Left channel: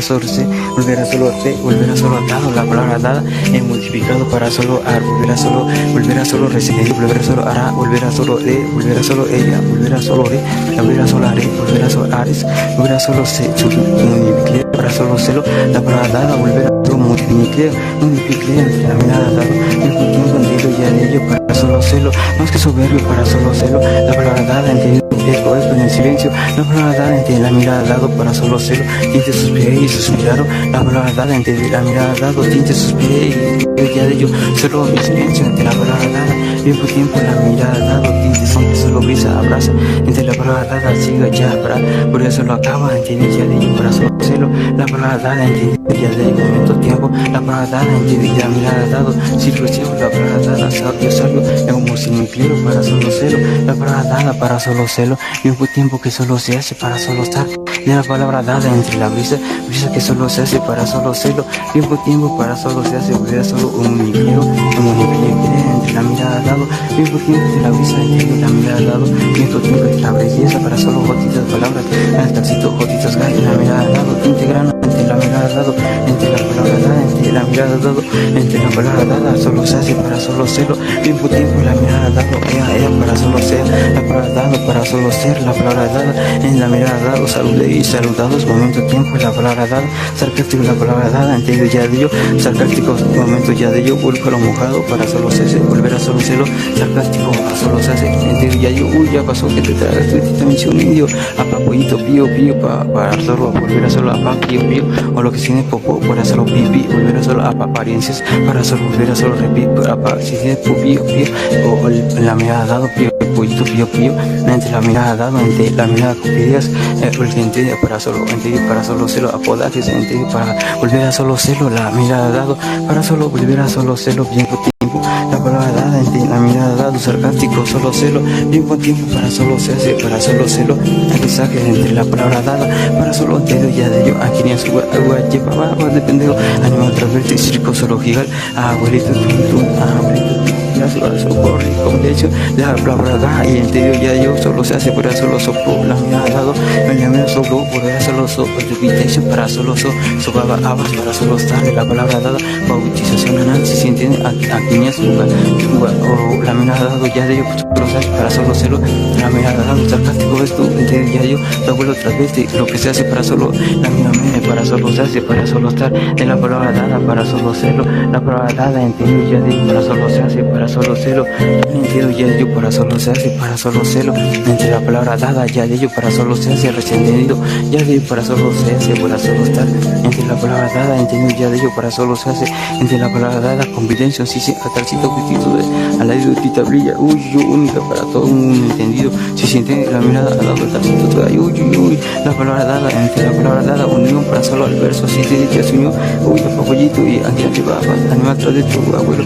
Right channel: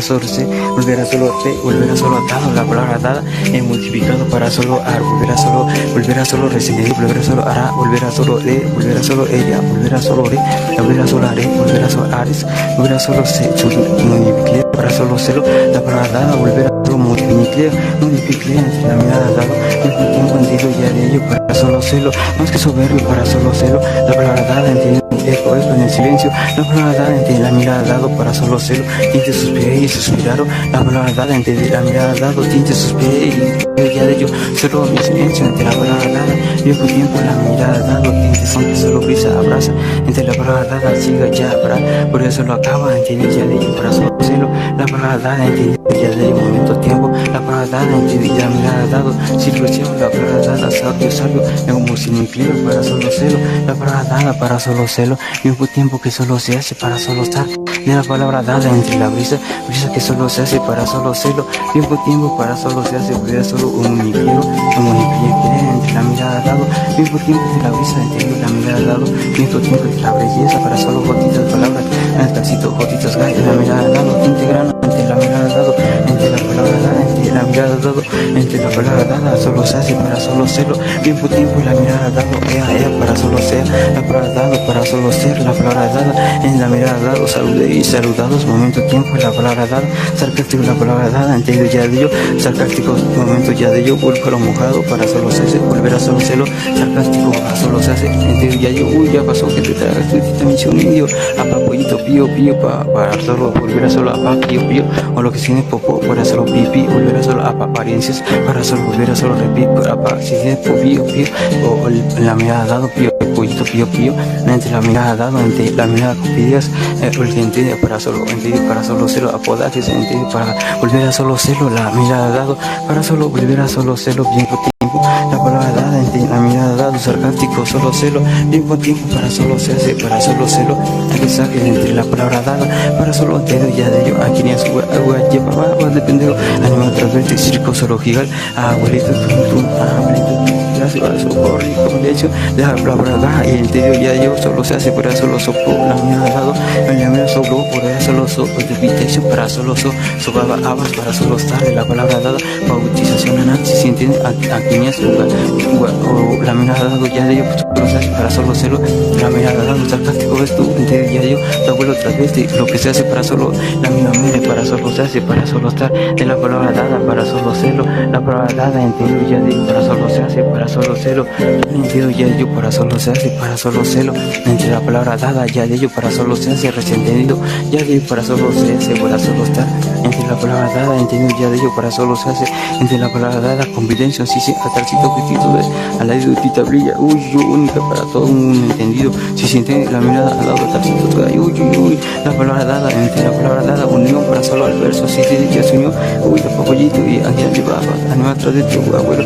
solo se, volverá solo te, volverá solo dado, la palabra dada, multiplicado para solo ar, volverá solo recibir, volverá solo hará, volverá solo de, volverá solo ella, volverá solo re, volverá solo are, volverá solo ares, volverá solo se, multiplicar para solo celo, la palabra dada, volverá solo multiplicar entre la mirada dado, mismo tiempo entendido ya de ello para solo celo, más que soberbio para solo celo, la palabra dada entendido. Eco en el silencio, la palabra dada entre la mirada dado para solo celo, tinte suspiré y suspiraron, la palabra dada entre la mirada dado, tinte suspiré y ya de ello, solo mi silencio entre la palabra dada, viejo tiempo la mirada dado, tinte son que solo brisa abraza, entre la palabra dada siga ya habrá, por eso lo acaba, entender ya de ello para solo celo, la palabra dada entender ya de ello momento tiempo, la palabra dada entender la mirada dado, sirve cielo, la palabra dada, sabio, como sin mi clima para solo celo, la palabra dada para solo celo, mismo tiempo que solo se hace para solo estar, de la palabra dada entre la brisa que solo se hace para solo celo, mismo tiempo para solo se hace, volver solo un unipliego entre la mirada dado, mismo tiempo de la brisa entre la mirada dado, mismo tiempo de la belleza para solo gotitas palabras, el talcito gotitas gay en la mirada dado, integrando entre la mirada dado, entre la palabra dada, entre la mirada dado, entre la palabra dada, solo se hace para solo celo, mismo tiempo la mirada dado, ea para solo sea, la palabra dado para solo ser, la palabra dada, en la mirada dado, saludé y saludados, momento tiempo, la palabra dada, sarcástico la palabra dada, entendido ya de ello, sarcástico momento ya de ello, vuelvo a lo mojado para solo se volver a solo celo, sarcástico para solo se hace, entendido ya yo, uy ya pasó que te tragas tu mención indio, apa pollito pío para solo volver a solo apa pío, o lo que tiene popó para solo pipi, volver a solo apa apariencias, para solo volver a solo repi, apa si tiene pío, o la mirada dado pío, pollito pío, entre la mirada dado, entre la mirada copidias, el entendido para solo celo, apodajes, entendido para volver a solo celo, la mirada dado, para solo volver a solo celo, bien tiempo, la palabra dada, entre la mirada dado, sarcástico, solo celo, bien tiempo para solo se hace, para solo celo, avisajes entre la palabra dada, para solo entendido ya de ello, aquí ni a su llevaba, dependido, animo transverte, circo, solo gigal, abuelito, ya se va a socorrer, como le he hecho, la palabra y entendido ya yo, solo se hace, para solo soplo, la mirada dado, la mirada soplo, por allá solo invitation, para solo sobaba abas, para solo estar, la palabra dada, bautización anal, si se entiende, aquí ni a su o la mirada dado ya de ello, solo se hace, para solo celo, la mirada dado, sarcástico ves tú, entendido ya yo, tu abuelo transveste, lo que se hace para solo, la misma meme, para solo se hace, para solo estar, de la palabra dada, para solo celo, la palabra dada, entendido ya de ello, para solo se hace, para solo celo, entendido ya de ello, para solo se hace, para solo celo, entre la palabra dada, ya de ello, para solo se hace, recién entendido, ya de ello, para solo se hace, para solo estar, entre la palabra dada, entendido ya de ello, para solo se hace, entre la palabra dada, convivencia, sí, atalcito que título al lado de tu tablilla, yo única para todo un entendido, si se entiende la mirada al lado de talcito, la palabra dada, entre la palabra dada, unión para solo al verso, si te ya se unió, la papollito y aquí llevaba, animal tras de tu abuelo,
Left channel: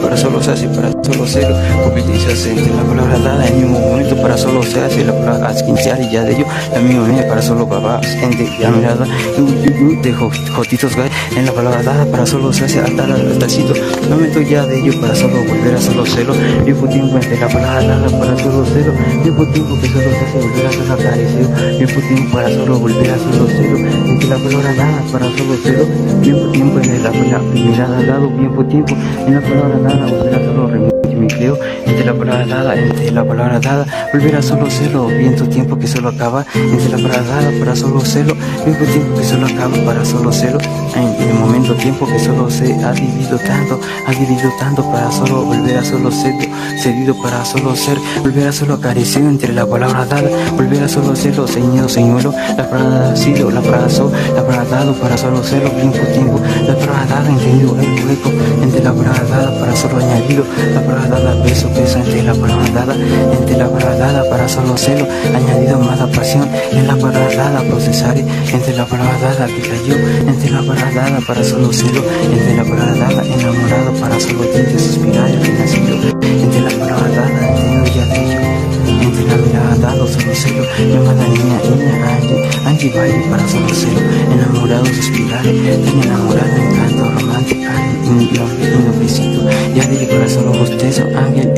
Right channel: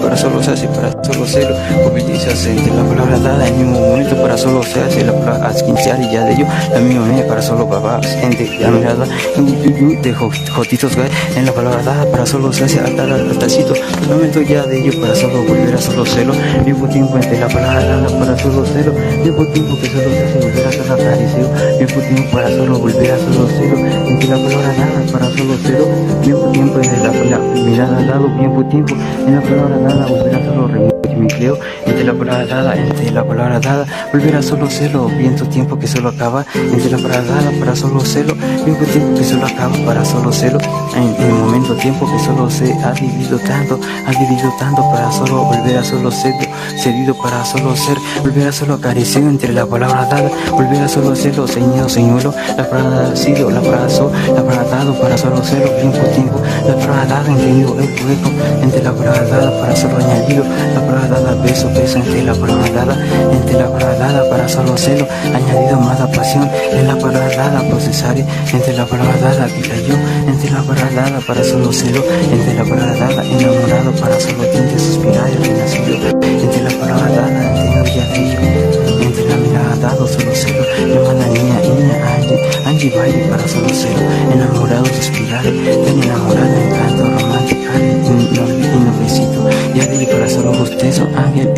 para solo se hace, para solo celo, convivencia, entre la palabra dada, en el mismo momento para solo se hace, la palabra asquinchar y ya de ello, la misma me para solo babas, entre la mirada, de jotitos gay, en la palabra dada, para solo se hace, al talcito, momento ya de ello, para solo volver a solo celo, mismo tiempo entre la palabra dada, para solo celo, mismo tiempo que solo se hace, volver a solo aparecer, mismo tiempo para solo volver a solo celo, entre la palabra dada, para solo celo, mismo tiempo entre la mirada dado, mismo tiempo en la palabra dada, volver a solo multimicleo, entre la palabra dada, volver a solo celo, viento tiempo que solo acaba, entre la palabra dada, para solo celo, mismo tiempo que solo acaba, para solo celo, en el momento tiempo que solo se ha dividido tanto, para solo volver a solo cedido para solo ser, volver a solo acariciado, entre la palabra dada, volver a solo celo, ceñido, señuelo, la palabra sido, la palabra la palabra dado, para solo celo, tiempo, la palabra dada, entendido, eco, entre la palabra dada, para solo añadido, la palabra dada, beso, entre la palabra dada, para solo celo, añadido, más pasión, en la palabra dada, procesar, entre la palabra dada, que cayó, entre la palabra dada, para solo celo, entre la palabra dada, enamorado, para solo diente, suspirar, renacido, entre la palabra dada, entendido ya de ello, entre la mirada dado, solo celo, llamada niña, Angie baile para solo celo, enamorado, suspirar, tan enamorado, encanto romántico. angelical, y noblecito, ya de ello para solo justicia,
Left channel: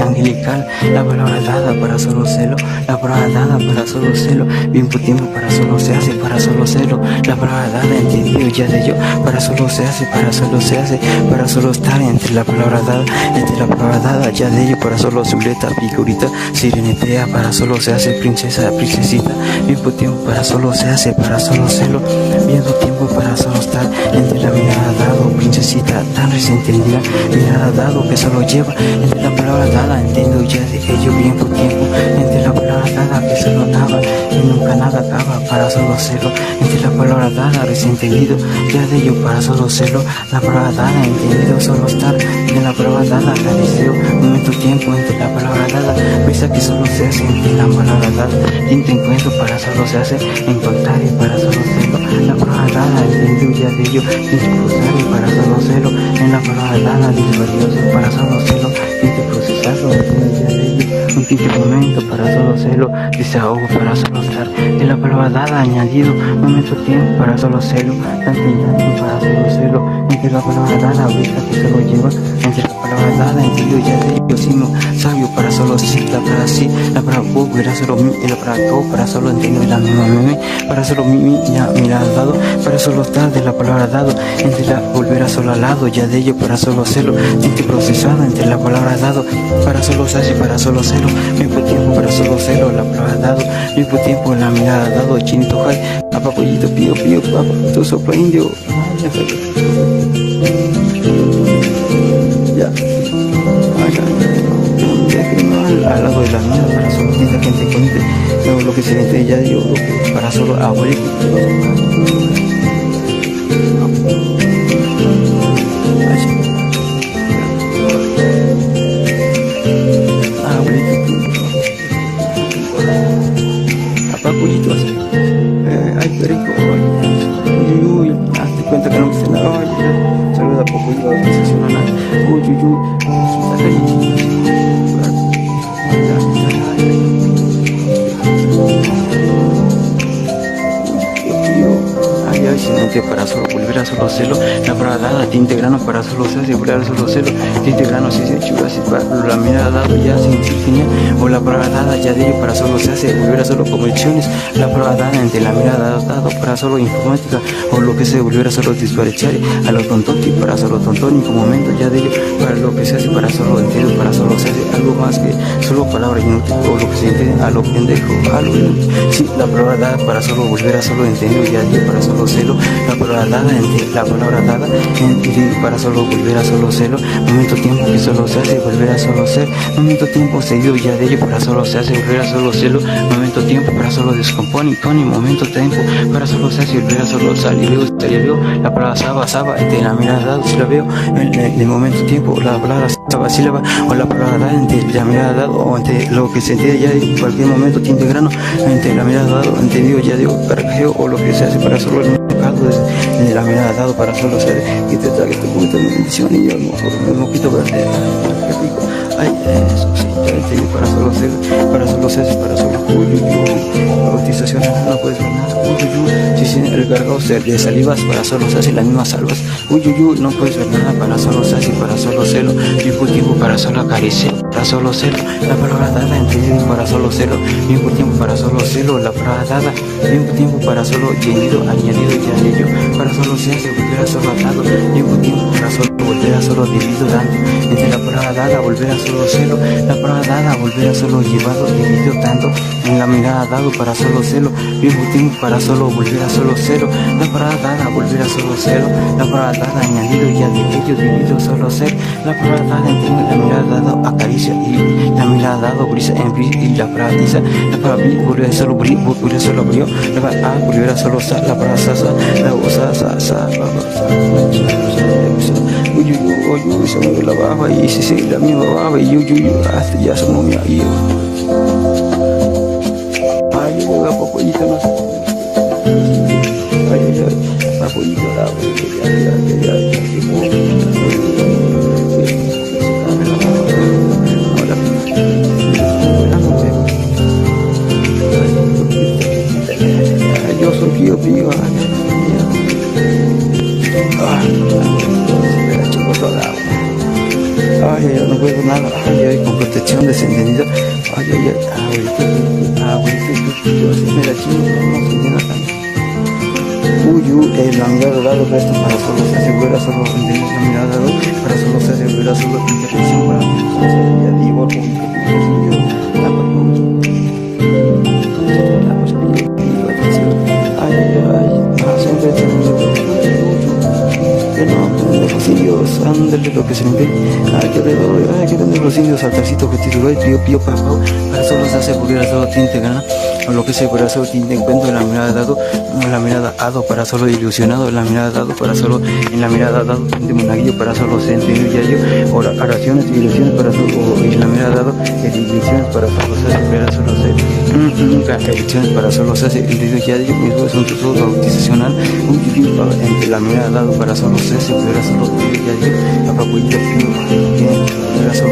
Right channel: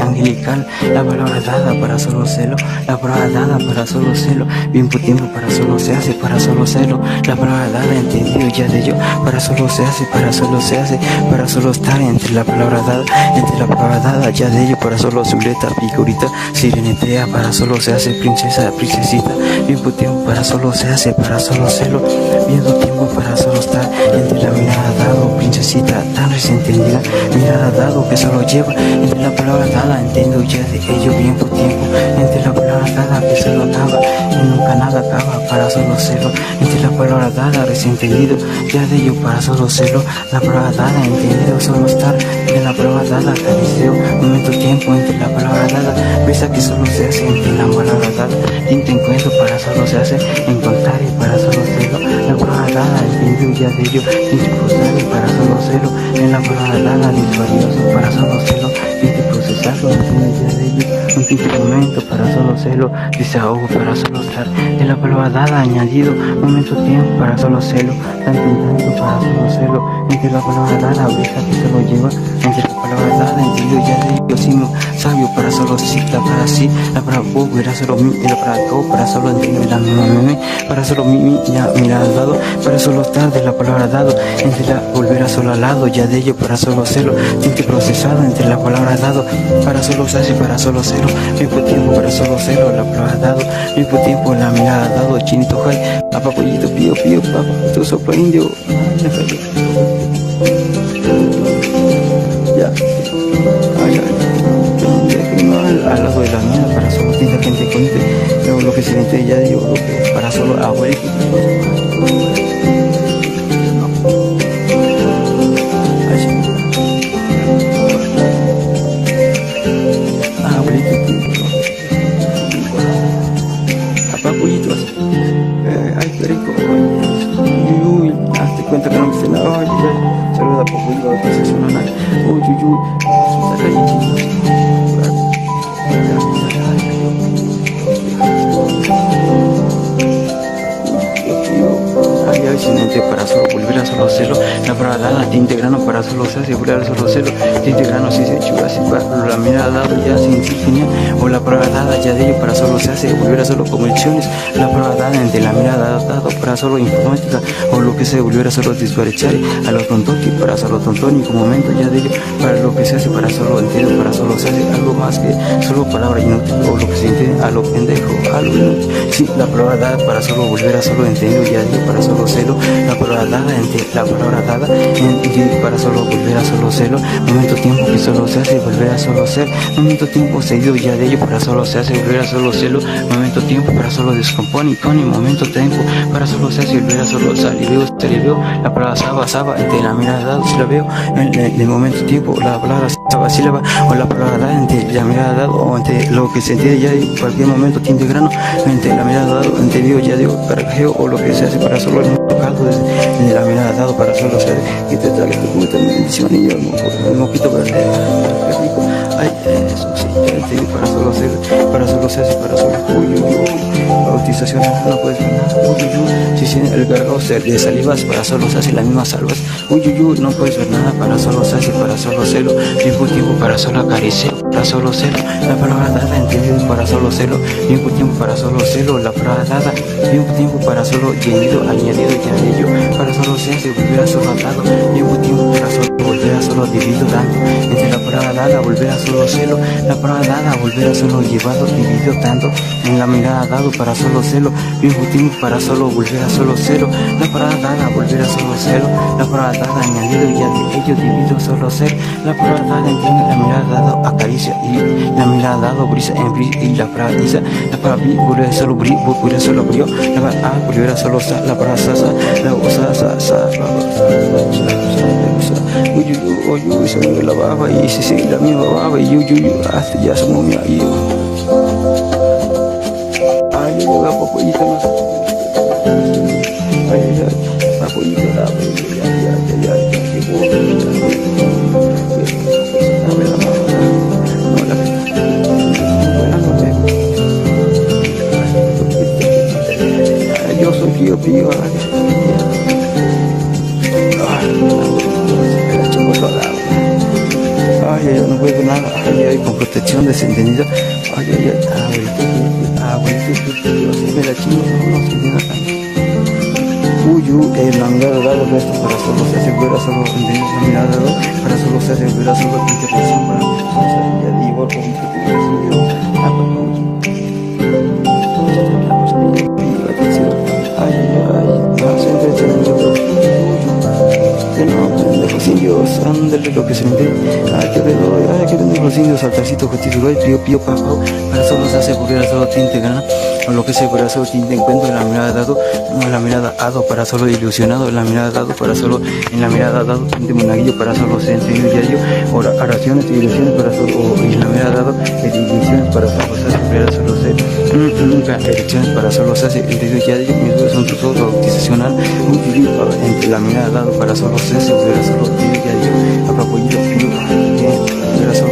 angelical, la palabra dada para solo celo, la palabra dada para solo celo, bien por tiempo para solo se hace, para solo celo, la palabra dada entendido ya de ello, para solo se hace, para solo se hace, para solo estar entre la palabra dada, ya de ello para solo Zuleta, figurita, sirenetea, para solo se hace princesa, princesita, bien por tiempo para solo se hace, para solo celo, bien por tiempo para solo estar entre la mirada dado, princesita, tan recién entendida, mirada dado que solo lleva, entre la palabra dada, entiendo ya de ello, bien por tiempo, entre la palabra dada que solo acaba, y nunca nada acaba, para solo celo, entre la palabra dada, recién entendido, ya de ello para solo celo, la palabra dada, entendido, solo estar, de la palabra dada, acariceo, momento tiempo, entre la palabra dada, brisa que solo se hace, entre la palabra dada, tinta encuentro, para solo se hace, encontrar y para solo celo, la palabra dada, entendido ya de ello, tinta procesar y para solo celo, en la palabra dada, disvalioso, para solo celo, tinta procesarlo, entiendo ya de ello, un tinte momento, para solo celo, desahogo, para solo estar, de la palabra dada, añadido, momento tiempo, para solo celo, tanto en tanto, para solo celo, entre la palabra dada, brisa que solo lleva, entre la palabra dada, entendido ya de ello, sino sabio, para solo sí, la palabra sí, la palabra go, era solo mi, y la palabra go, para solo entendido la misma meme, para solo mi, ya mirada dado, para solo estar, de la palabra dado, entre la volver a solo al lado, ya de ello, para solo celo, tinte procesado, entre la palabra dado, para solo saci, para solo celo, mismo tiempo, para solo celo, la palabra dado, mismo tiempo, la mirada dado, chinito jai, apapollito, pío, pío, papá, tu soplo indio, ay, ya, ay, al lado de la mía, para solo tinta que te cuente, lo que se siente ya yo, lo que para solo abuelito, abuelito, papá pollito así, ay qué rico, uy, uy, hazte cuenta que no me estén, ay, ya, saluda por pollo, autorización anal, uy, uy, uy, saca ahí chicos, ay, sinente para solo volver a solo celo, la palabra dada, tinte grano para solo se volver a solo celo, tinte grano si se chura, si la mirada dado ya sin genial, o la palabra dada ya de ello para solo se hace, volver a solo conversiones, la palabra dada entre la mirada dado para solo informática, o lo que se volver a solo disparechar, a lo tontonti para solo tontónico momento ya de ello, para lo que se hace para solo entiendo, para solo se hace algo más que solo palabra inútil, o lo que se entiende a lo pendejo, a lo inútil, sí, la palabra dada para solo volver a solo entender ya de ello para solo celo, la palabra dada, la palabra dada, para solo volver a solo celo, momento tiempo que solo se hace, volver a solo ser, momento tiempo seguido ya de ello, para solo se hace, volver a solo celo, momento tiempo para solo descompone, con y momento tiempo, para solo se hace, volver a solo sal y veo, la palabra saba, entre la mirada dado, si la veo, en el momento tiempo, la palabra saba, sílaba, o la palabra dada, entre la mirada dado, o entre lo que se entiende ya de cualquier momento, tinte grano, entre la mirada dado, entendido ya digo, carajeo, o lo que se hace para solo el caldo desde la mirada dado para solo ser y te trague tu puta bendición y yo el mojito verde, ay, qué rico, ay, eso sí, ya entendí, para solo ser, para solo uy, uy, uy, bautización no puedes ver nada, uy, uy, uy, si el gargao de salivas para solo se hace las mismas salvas, uy, uy, uy, no puedes ver nada, para solo se hace, para solo celo, mismo tiempo para solo acariciar, para solo celo, la palabra dada, entendido, para solo celo, mismo tiempo para solo celo, la palabra dada, mismo tiempo para solo llenido, añadido ya de ello, para solo se hace, volver a solo atado, mismo tiempo para solo volver a solo dividido dando, entre la palabra dada, volver a solo celo, la palabra dada, volver a solo llevado, dividido tanto, en la mirada dado para solo celo, mismo tiempo para solo volver a solo celo, la palabra dada, volver a solo celo, la palabra dada, añadido ya de ello, dividido solo ser, la palabra dada, entiende, la mirada dado, acaricia, y la mirada dado, brisa, y la palabra isa, la palabra vi, volver a solo brillo, volver a solo brillo, la palabra volver a solo sa, la palabra sasa, la osa, sa, uy, uy, uy, se mueve la baba, y sí, la misma baba, y uy, uy, hasta ya se movió ahí, ay, yo llega popollito, no sé, ay, popollito, ya, llegó, dame la baba, no, la volando, yo soy pío, ay, ay, ay, no puedo nada, ay, ay, con protección desentendido, ay, ay, ay, abuelito, yo sí me la chingo, no se entiende tanto. La mirada dado resto para solo se asegura solo la mirada dado para solo se asegura solo intervención para y igual como que ay, ay, ay, más entretenido, que no, pendejo, los indios, ándale lo que se me ve, ay, que alrededor, ay, que pendejo, los indios, altarcito, objetivo, pío, papá, para solo se asegura solo tinte gana, o lo que se para solo tinte encuentro, en la mirada dado, la mirada dado para solo ilusionado, la mirada dado para solo, en la mirada dado tinte monaguillo para solo se entendido ya yo, oraciones y ilusiones para solo, o en la mirada dado, ilusiones para solo se asegura solo ser, nunca elecciones para solo se hace entendido ya yo, mis huevos son tus ojos bautizacional, entre la mirada dado para solo se volver a solo ya yo, apapollito pío,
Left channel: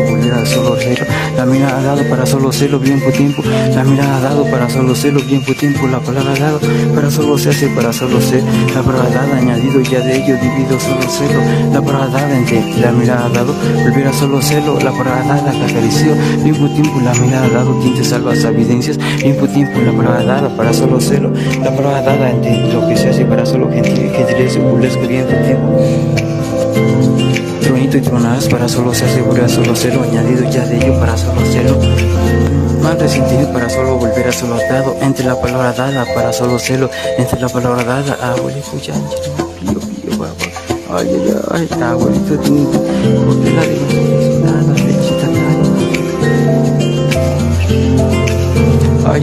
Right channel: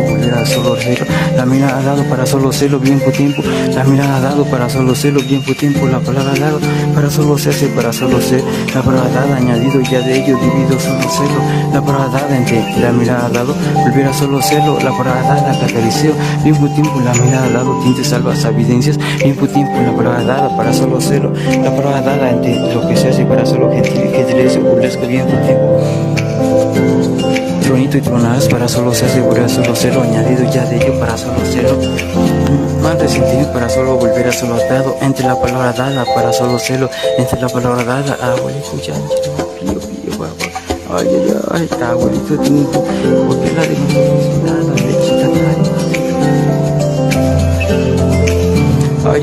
volver a solo celo, la mirada dado para solo celo bien por tiempo, la mirada dado para solo celo bien por tiempo, la palabra dado para solo se hace para solo ser, la palabra dada añadido ya de ello divido solo celo, la palabra dada entre la mirada dado, volver a solo celo, la palabra dada catalizeo, bien por tiempo, la mirada dado tinte salvas evidencias, bien por tiempo, la palabra dada para solo celo, la palabra dada entre lo que se hace para solo gentileza, burlesco bien por tiempo. Tronito y tronadas para solo se asegura solo celo, añadido ya de ello para solo celo, mal resentido para solo volver a solo atado, entre la palabra dada para solo celo, entre la palabra dada, abuelito ya, pío, papá, ay, ay, ay, abuelito, porque la de nada, lechita, ay,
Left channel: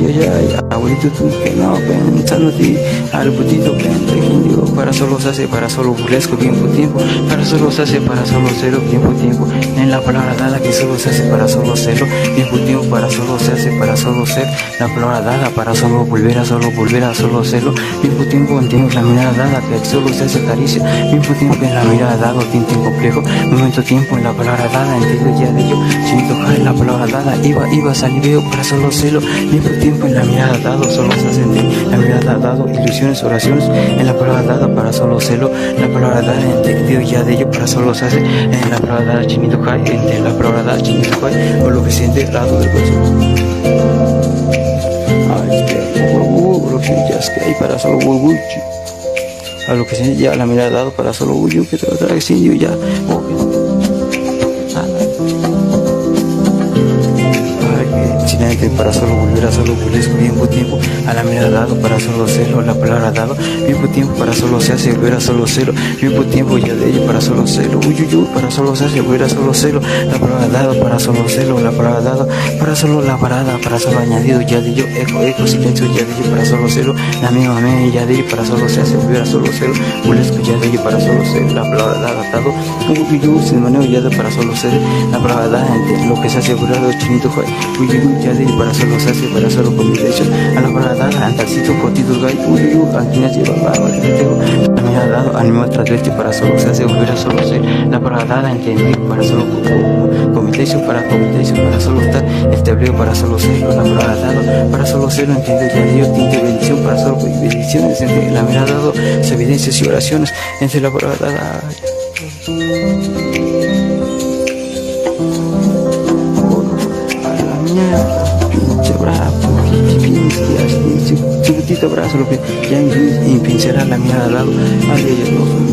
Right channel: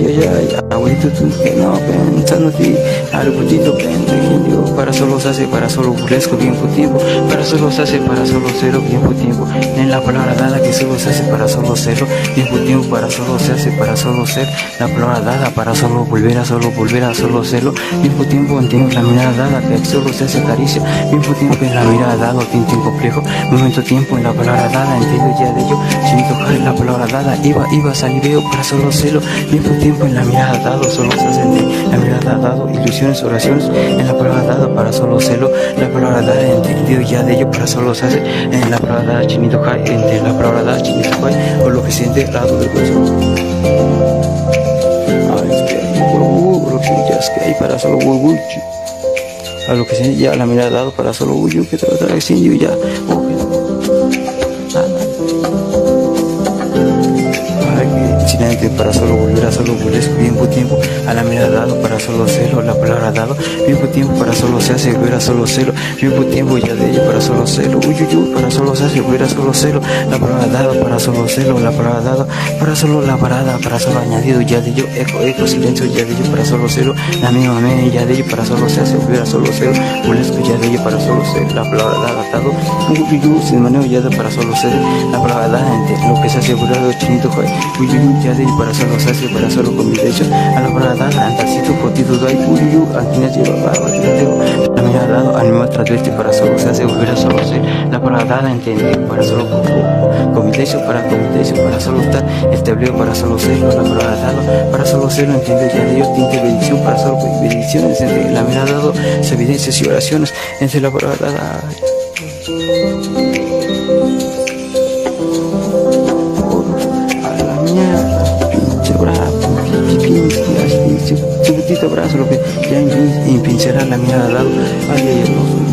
abuelito, tú que no, pensando ti, al putito pendejo, para solo se hace, para solo burlesco, bien por tiempo, para solo se hace, para solo celo, bien por tiempo, en la palabra dada que solo se hace, para solo celo, bien por tiempo, para solo se hace, para solo ser, la palabra dada, para solo volver a solo celo, bien por tiempo, entiendo la mirada dada que solo se hace caricia, bien por tiempo, en la mirada dado, tinte complejo, momento tiempo, en la palabra dada, entiendo ya de ello, chinito cae, la palabra dada, iba, saliveo, para solo celo, bien por tiempo, en la mirada dado, solo se hace la mirada dado, ilusiones, oraciones, en la palabra dada para solo celo, la palabra dada entendido ya de ello para solo se hace, en la palabra dada chinito jai, entre la palabra dada chinito jai, o lo que siente al lado del hueso. Ay, es que hay lo que siente ya es que hay para solo huevo, a lo que siente ya la mirada dado para solo huevo, que te lo trae indio ya, o que Sinamente para solo volver a solo burlesco, bien por tiempo, a la mirada dado para solo celo, la palabra dado, bien por tiempo para solo se hace, volver a solo celo, bien por tiempo ya de ello para solo celo, para solo se hace, volver a solo celo, la palabra dado para solo celo, la palabra dado para solo la parada, para solo añadido ya de ello, eco, silencio ya de ello para solo celo, la misma me ya de ello para solo se hace, volver a solo celo, burlesco ya de ello para solo celo, la palabra dada dado, sin manejo ya de para solo celo, la palabra dada entre lo que se hace, volver chinito joy, ya de para solo se hace, para solo combinación, a la palabra dada, antalcito, cotitos gay, aquí nos lleva, la mirada dado, animal trasleste, para solo se hace, volver a solo ser, la palabra dada, entendido, para solo combinación, para solo estar, establecido, para solo serlo, la palabra dado, para solo serlo, entendido ya de Dios, tinte bendición, para solo bendiciones, entre la mirada dado, se evidencias y oraciones, entre la palabra dada, a la mierda, pinche bravo, su putito brazo, lo que ya impincelará la mirada al lado, ay, no soy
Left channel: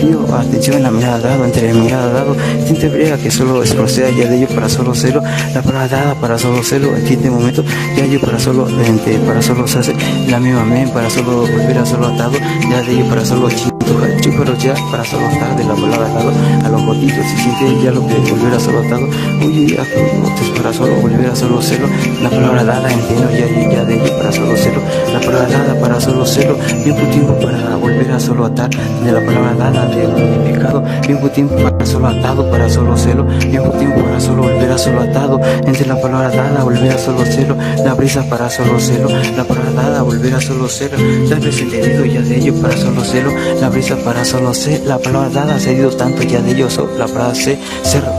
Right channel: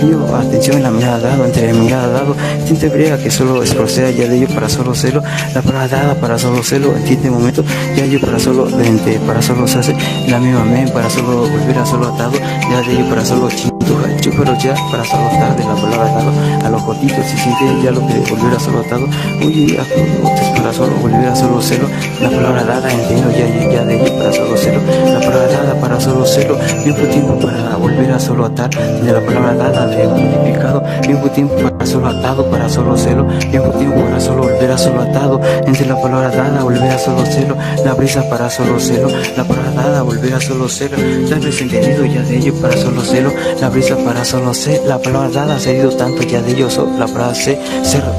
pío, atención en la mirada dado, entre la mirada dado, tinte brega que solo proceda ya de ello para solo celo, la palabra dada para solo celo, en tinte momento, ya yo para solo se hace, la misma men para solo volver a solo atado, ya de ello para solo pero ya para solo estar de la palabra dado a los gotitos, si siente ya lo que volver a solo atado, para solo volver a solo celo, la palabra dada, entiendo ya de ello para solo celo, la palabra dada para solo celo, bien por tiempo para volver a solo atar, de la palabra dada de multiplicado, bien por tiempo para solo atado, para solo celo, bien por tiempo para solo volver a solo atado, entre la palabra dada, volver a solo celo, la brisa para solo celo, la palabra dada, volver a solo celo, la desentendido ya de ello para solo celo, la brisa para solo ser, la palabra dada ha cedido tanto ya de ellos, la palabra ser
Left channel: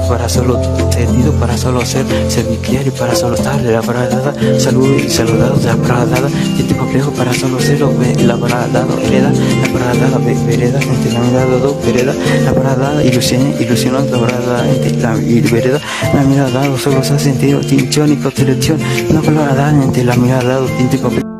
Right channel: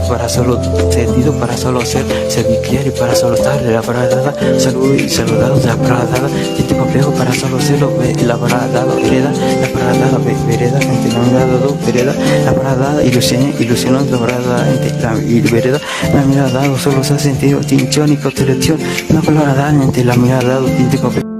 para solo cedido, para solo ser, servicial y para solo estar, de la palabra dada, salud y saludados, de la palabra palabra dada, tinte complejo para solo serlo, la palabra dada, hereda, la palabra dada, vereda, entre la mirada do, vereda, la palabra dada, ilusionó, la palabra dada, entre la vereda, la mirada dado, solo se ha sentido tinción y constelación, una palabra dada, entre la mirada dado, tinte complejo.